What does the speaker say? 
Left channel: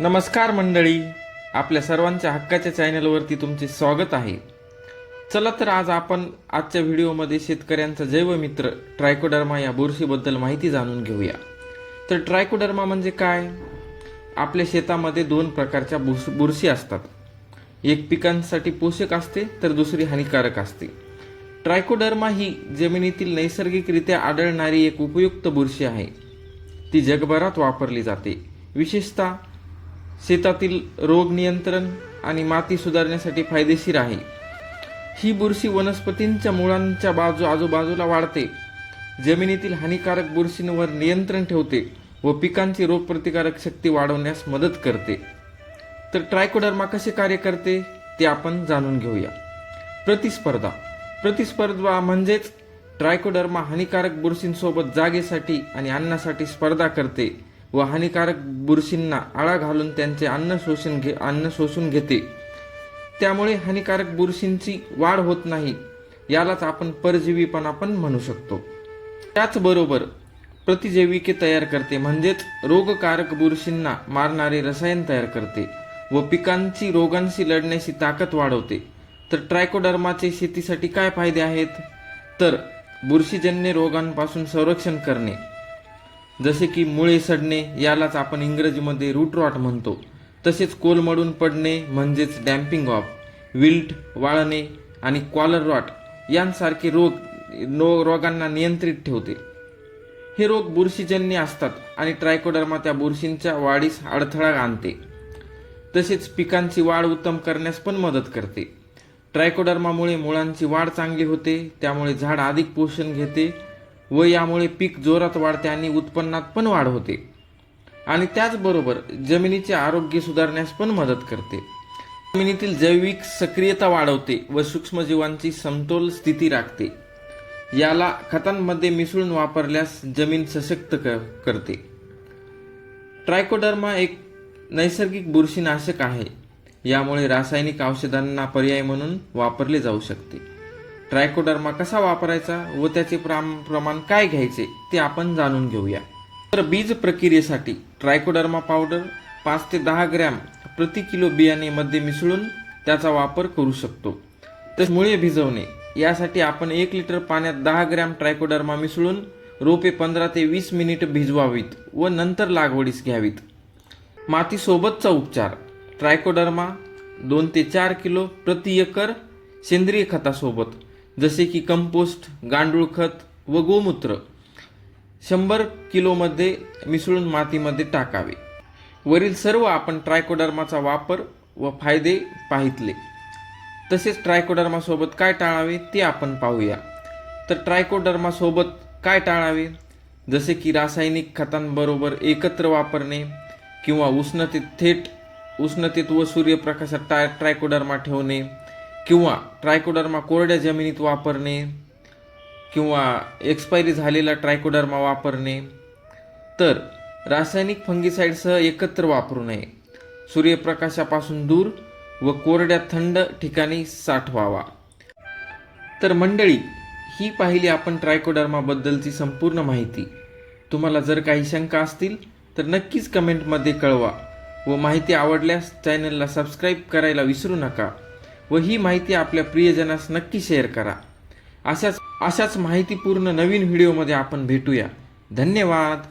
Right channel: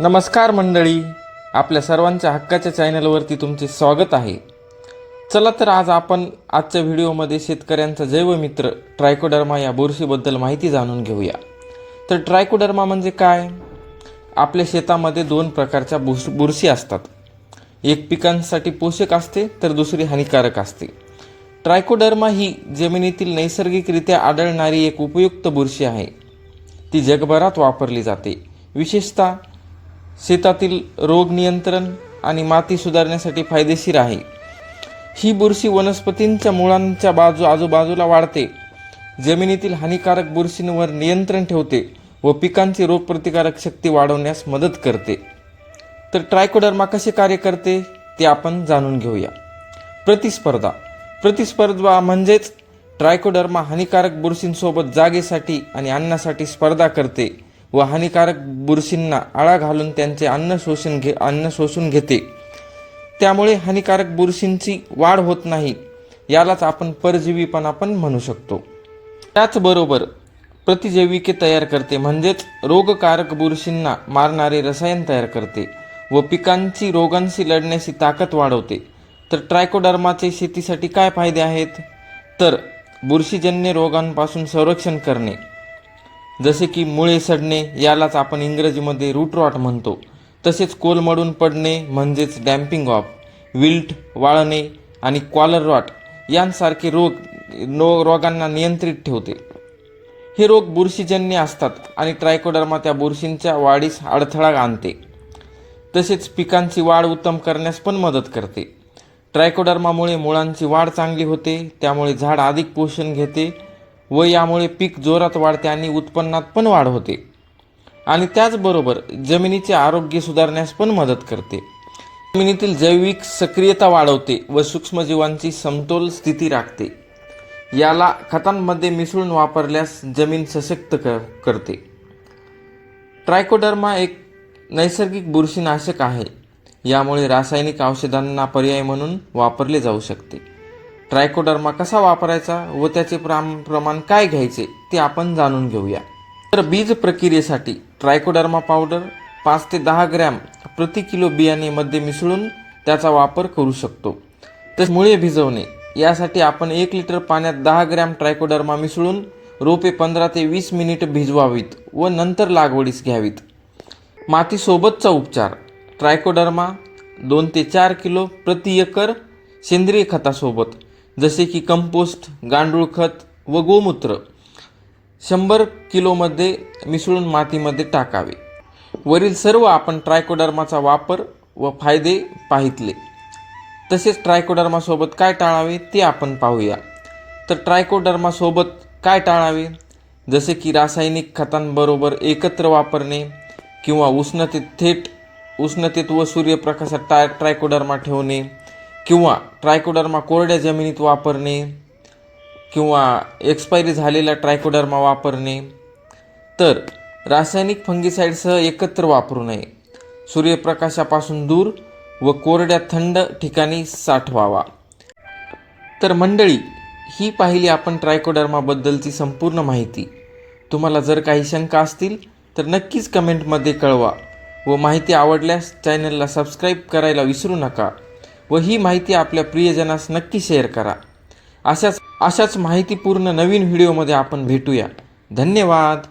नमस्कार मंडळी, आपल्या सर्वांच्या हक्काच्या चॅनलवरती तुमचे स्वागत आहे। चला तर आज आपण आजच्या व्हिडिओमध्ये शेतकऱ्यांचा जैवमित्र ट्रायकोडर्मा या बुरशीबद्दल माहिती जाणून घेऊया। तर ट्रायकोडर्मा म्हणजे काय? आपल्या शेतामध्ये दोन प्रकारच्या बुरशी असतात। एक पिकांसाठी पोषक असते तर दुसरी हानिकारक असते। ट्रायकोडर्मा ही जमिनीतील नैसर्गिकरित्या आढळणारी एक उपयुक्त बुरशी आहे। ती जगभरात वापरली जाते, विशेषतः शेतातील रोग नियंत्रण आणि माती सुधारण्यासाठी फायदेशीर आहे। ही बुरशी वनस्पतींच्या मुळांच्या आजूबाजूला वाढते, जमिनीतील हानिकारक बुरशींवर नियंत्रण ठेवते व पिकांची रोगप्रतिकारक शक्ती वाढवण्यास मदत करते। तर ट्रायकोडर्मा कसे कार्य करते ते आपण जाणून घेऊया। प्रतिस्पर्धा म्हणजेच ट्रायकोडर्मा हानिकारक बुरशींसोबत जागेसाठी आणि अन्नासाठी स्पर्धा करते व हानिकारक बुरशींना आळा घालून त्यांचे अन्न शोषून घेते। त्यामुळे हानिकारक बुरशींची वाढ होत नाही। यालाच आपण परजीवीपणा पण म्हणू शकतो। त्याचबरोबर प्रतिजैविके तयार करते, म्हणजेच रोगकारक बुरशींना मारणारे रसायन तयार करते व पिकांची रोगांशी लढण्याची ताकद वाढवते। तर ट्रायकोडर्माचे शेतीसाठी काय फायदे आहेत? तर बुरशीजन्य रोगांपासून संरक्षण करणे, जसे की मुळे सडणे, यालाच आपण इंग्रजीमध्ये रूट रॉट म्हणतो। तसेच कोलमडून पडणे म्हणजेच डॅम्पिंग ऑफ, विल्ट, वाळणे आणि कॉलर रॉट यांसारखे रोगांना नियंत्रित ठेवते। हे रोग बुरशीजन्य असतात आणि ट्रायकोडर्मा त्या बुरशींच्या वाढीस अडथळा आणते। तसेच पिकांची वाढ उत्तम करण्यास पण मदत करते। ट्रायकोडर्मामुळे मुळांची वाढ चांगली होते, त्यामुळे झाड अधिक पोषण घेते व यामुळे पीक जोरात वाढते आणि उत्पन्नात पण वाढ होते। आणि त्याचबरोबर जमिनीचे आरोग्य सुधारण्यास पण मदत करते। जमिनीतील जैविक सक्रियता वाढवते व सूक्ष्मजीवांची समतोल स्थिती राखते। याला खतांमध्ये मिसळून वापरल्यास जमीन सशक्त करते। ट्रायकोडर्मा एक नैसर्गिक बुरशीनाशक आहे, यामुळे रासायनिक औषधांना पर्याय म्हणून वापरले जाऊ शकते। ट्रायकोडर्मा कसा वापरायचा व त्याचे प्रमाण काय घ्यायचे ते आपण जाणून घेऊया। तर बीज प्रक्रियेसाठी ट्रायकोडर्मा पावडर 5 ते 10 ग्रॅम प्रति किलो बियाणेमध्ये मिसळून त्याचा वापर करू शकतो। तर मुळे भिजवणे, यासाठी आपण 1 लिटर पाण्यात 10 ग्रॅम ट्रायकोडर्मा मिसळून रोपे 15 ते 20 मिनिट भिजवावीत व नंतर लागवडीस घ्यावीत। मातीसोबतचा उपचार, ट्रायकोडर्मा 2 ते 4 किलो प्रति एकर सेंद्रिय खतासोबत, जसे की कंपोस्ट, गांडूळ खत व गोमूत्र 100 किलोमध्ये मिसळून मातीमध्ये टाकावे। वरील सर्व आपण ट्रायकोडर्माचा वापर व फायदे पाहितले। तसेच ट्रायकोडर्मा सोबत काय टाळावे ते आपण पाहूया। तर ट्रायकोडर्मा सोबत काय टाळावे, जसे की रासायनिक खतांबरोबर एकत्र वापरणे किंवा उष्णतेत व सूर्यप्रकाशात ट्रायकोडर्मा ठेवणे किंवा ट्रायकोडर्मा कोरड्या जमिनीत वापरणे किंवा एक्सपायरी झालेला ट्रायकोडर्मा वापरणे। तर रासायनिक फंगिसाइडसह एकत्र वापरू नये। सूर्यप्रकाशापासून दूर व कोरड्या थंड ठिकाणी साठवावा। तर मंडळी, ही पाहिली आपण ट्रायकोडर्माबद्दलची संपूर्ण माहिती। तुम्हाला जर काही शंका असतील तर नक्कीच कमेंटमध्ये कळवा व माहिती आवडल्यास चॅनलला सबस्क्राईब करायला विसरू नका व ही माहिती आपल्या प्रियजनास नक्की शेअर करा। अशाच माहितीपूर्ण नवीन व्हिडिओमध्ये आपण भेटूया। धन्यवाद।